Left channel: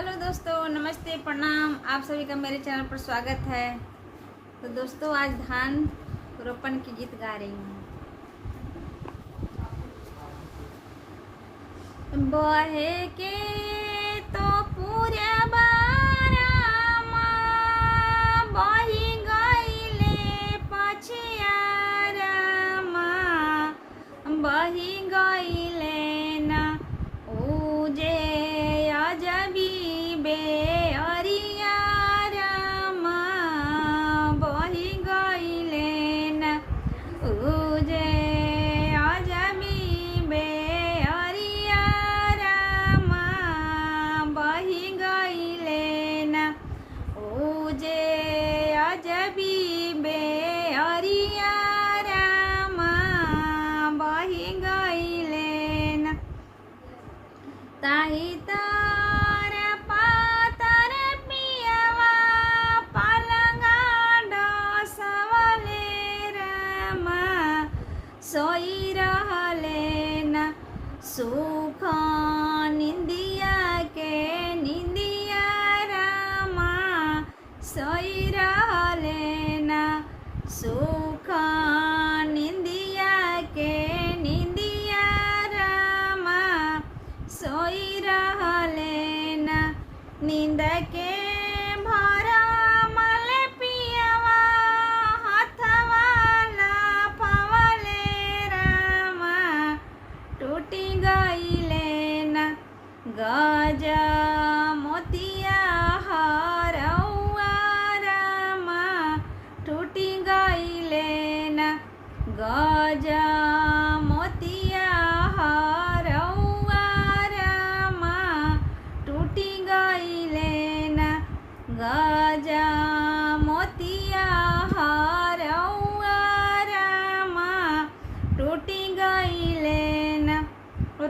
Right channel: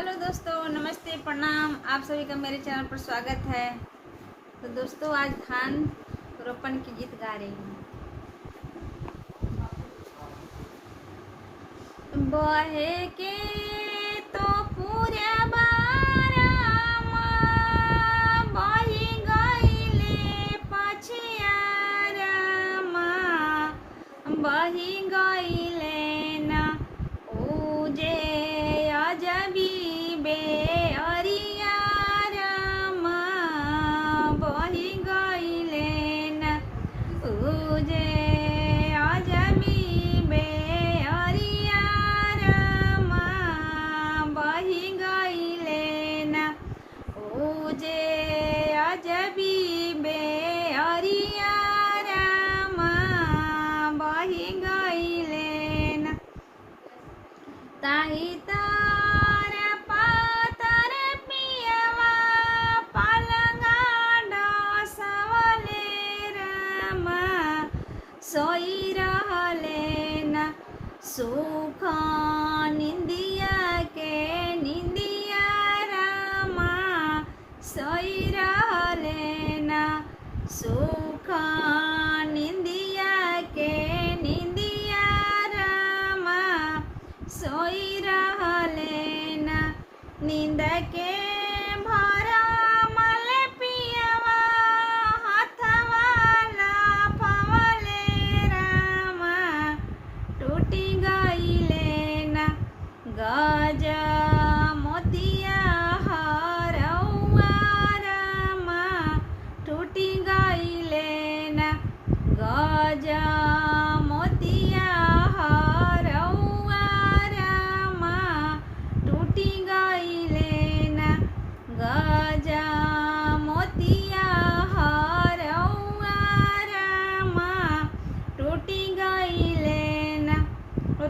Hello दोस्तों, नमस्ते, प्रणाम। आप सभी का मेरे चैनल पर स्वागत है। तो दोस्तों, आज धान रोपण की गीत गा रही हूँ। बहे के तो पूरा बारामा बही गईले पछियारामा बही गईले ना उजे अजबी बेअरियारामा बही गईले ना उजे अजबी बेअरियारामा बही गईले ना उजे अजबी बेअरियारामा बही गईले ना ताही तार पातर पियवा पलंगा डसवले रामा सोई रहले ना सुख निंदिया के निंदिया रामा सोई रहले ना सुख निंदिया के निंदिया रामा सोई रहले ना नींद के भरमल पियवा हाथवाला पवले रामा टूटी गईले ना गज मोतिया हरौआ रामा टूटी गईले ना गज मोतिया हरौआ रामा टूटी गईले ना गज मोतिया हरौआ रामा टूटी गईले ना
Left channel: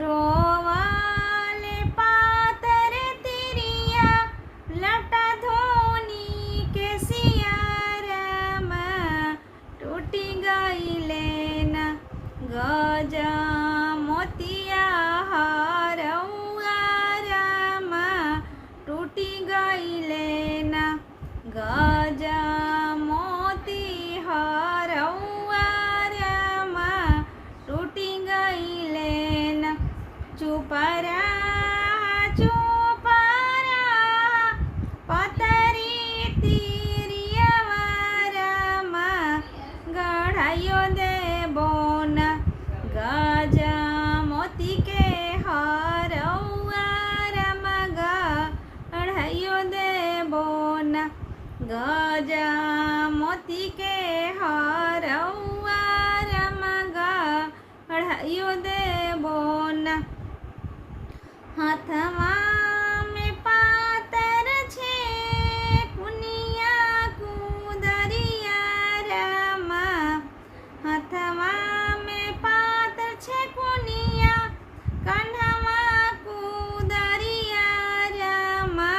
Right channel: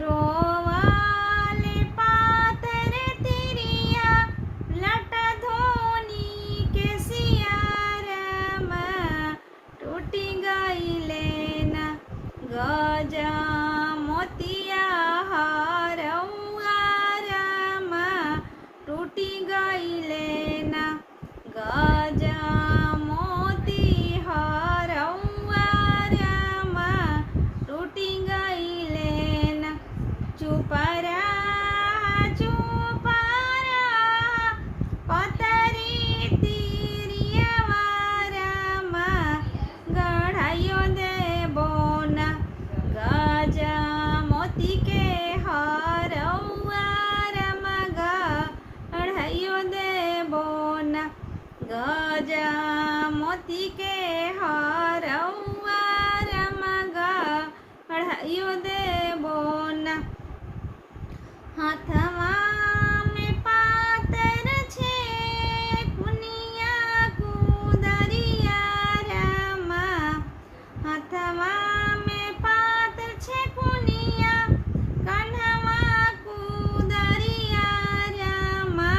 रोवाले पातर तिरिया लटा धोनी के सिया रामा टूटी गईले ना गज मोतिया हरौआ रामा टूटी गईले ना गज मोती हरौआ रामा टूटी गईले ना चुपरा चुपरा पतरी तिरियवा रामा गढ़ायो देबो ना गज मोती के हरौआ रामा गढ़ायो देबो ना गज मोती के हरौआ रामा गढ़ायो देबो ना हाथवा में पातर छे कुनिया कुदरिया रामा हाथवा में पातर छे कुनिया कन्हवा कुदरिया रामा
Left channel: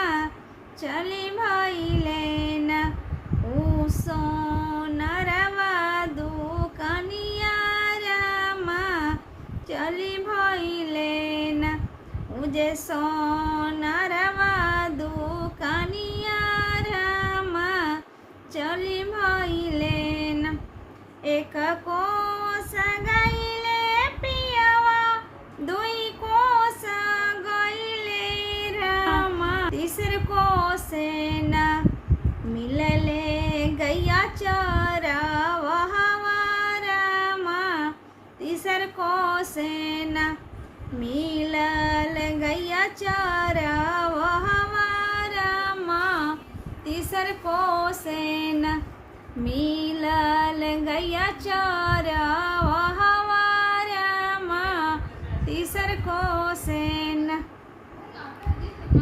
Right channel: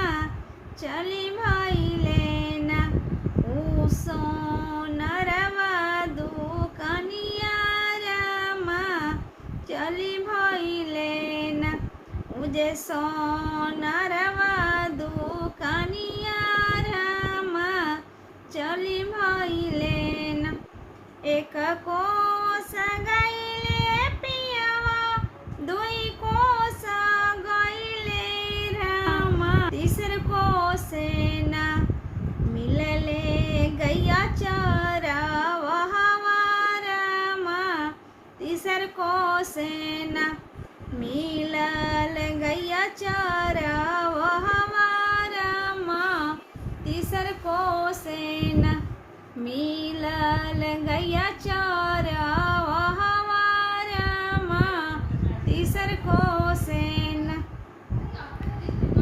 चली भइले ना उ सोनरवा दुकनिया रामा चली भइले ना उजे सोनरवा दुकनिया रामा चली भइले ना एक कोस गईले पियवा दुई कोस गईले रामा तीसर कोसे ना मिलले गैया चरावा रामा तीसर कोसे ना मिलल गैया चरावा रामा तीसर कोसे ना मिलल गैया चरावा रामा तीसर कोसे ना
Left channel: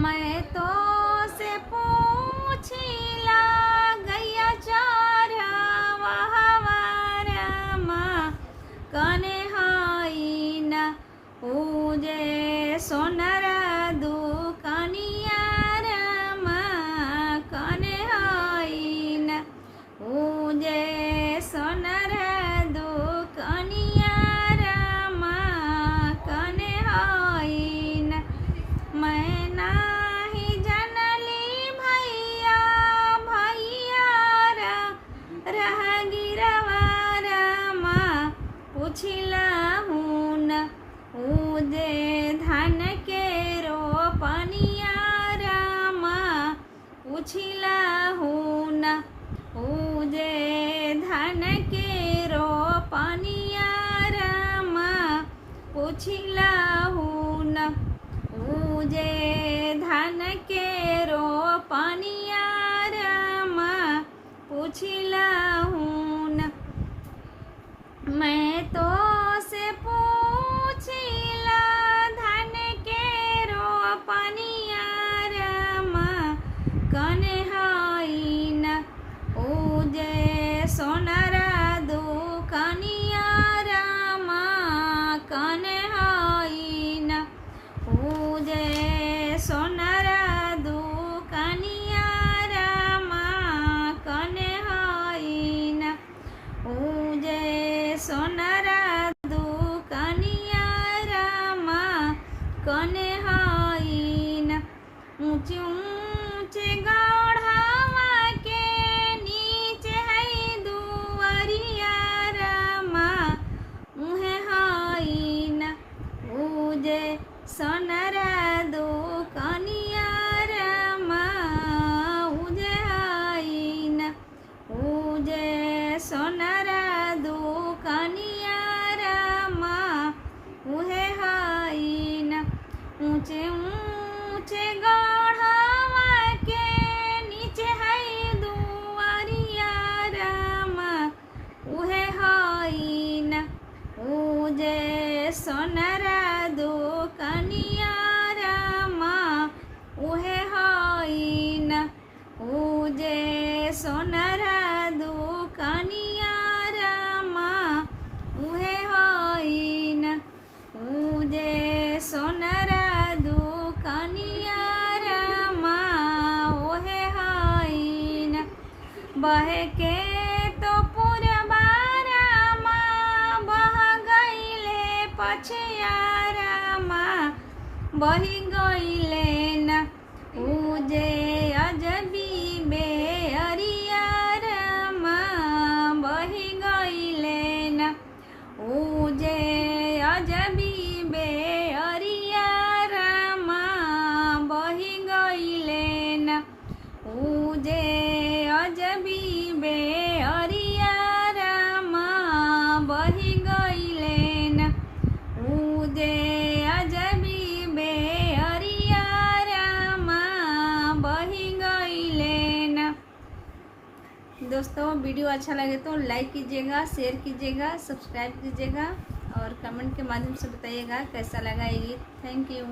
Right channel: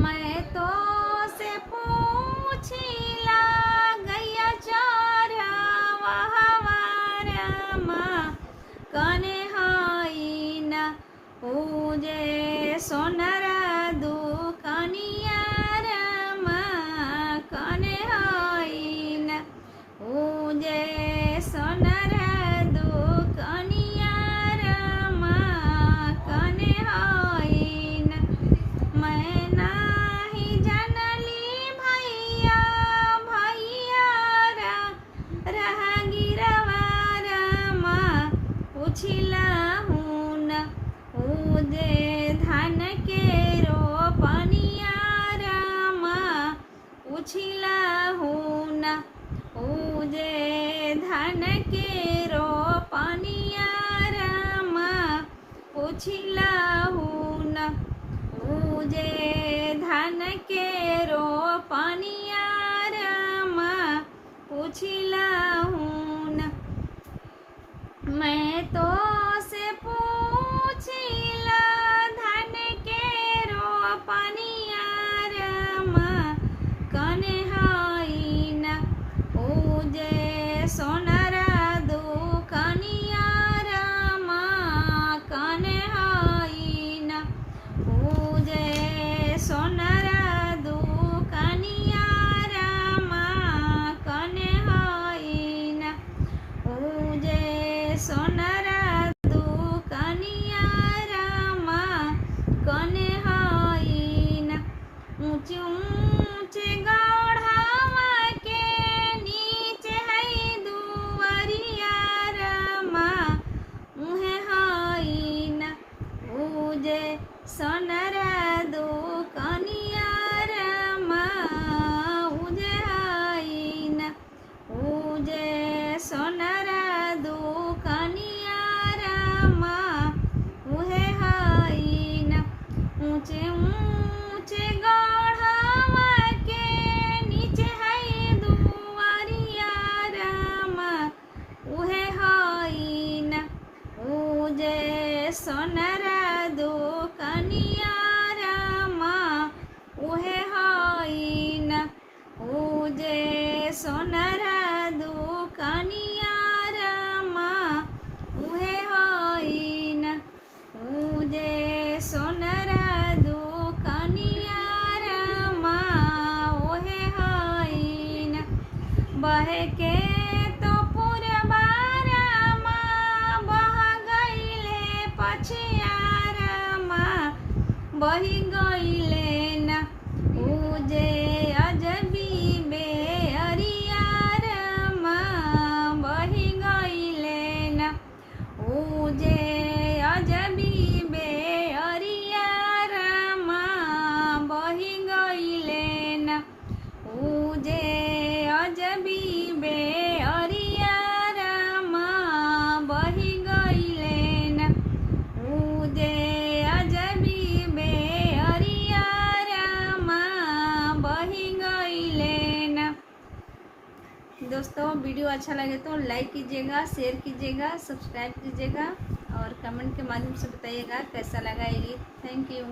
मैं तो से पूछिला गैया चरावा रामा कने हाई ना उजे सोनर दुकनिया रामा कने हाई ना उजे सोनर दुकनिया रामा कने हाई ना मैं नाही जान उजे धान के रोपनिया रामा पूछिला हूँ न। मैं तो से पूछिला धान के रोपनिया रामा कने हई न। उजे सोनारा दुकनिया रामा कने हई न। उजे सोनारा दुकनिया रामा कने हई न। उजे सोनारा दुकनिया रामा कने हई न। ऊंचे ऊंचे गढ़वा के नीचे है दुआरिया रामा उहे हई न। उजे सोनारा दुकनिया रामा उजे हई न। उजे सोनारा दुकनिया रामा उहे हई न। ऊंचे ऊंचे गढ़वा के नीचे है दुआरिया रामा उहे हई न। उजे सोनारा दुकनिया रामा उहे हई न। उजे सोनारा दुकनिया रामा उहे हई न। उजे सोनारा दुकनिया रामा उहे हई न। बहे के तो पुरबा रामा बह गईले पछिया रामा बही गईले न। उजे अजबी बेअरिया रामा बही गईले न। उजे अजबी बेअरिया रामा बही गईले न। उजे अजबी बेअरिया रामा बही गईले न। उजे अजबी बेअरिया रामा बही गईले न। दोस्तों वीडियो अच्छा लगे तो लाइक कीजिएगा, शेयर कीजिएगा, सब्सक्राइब कीजिएगा और कमेंट के माध्यम से बताइएगा कैसा लगा ये गीत। Thank you.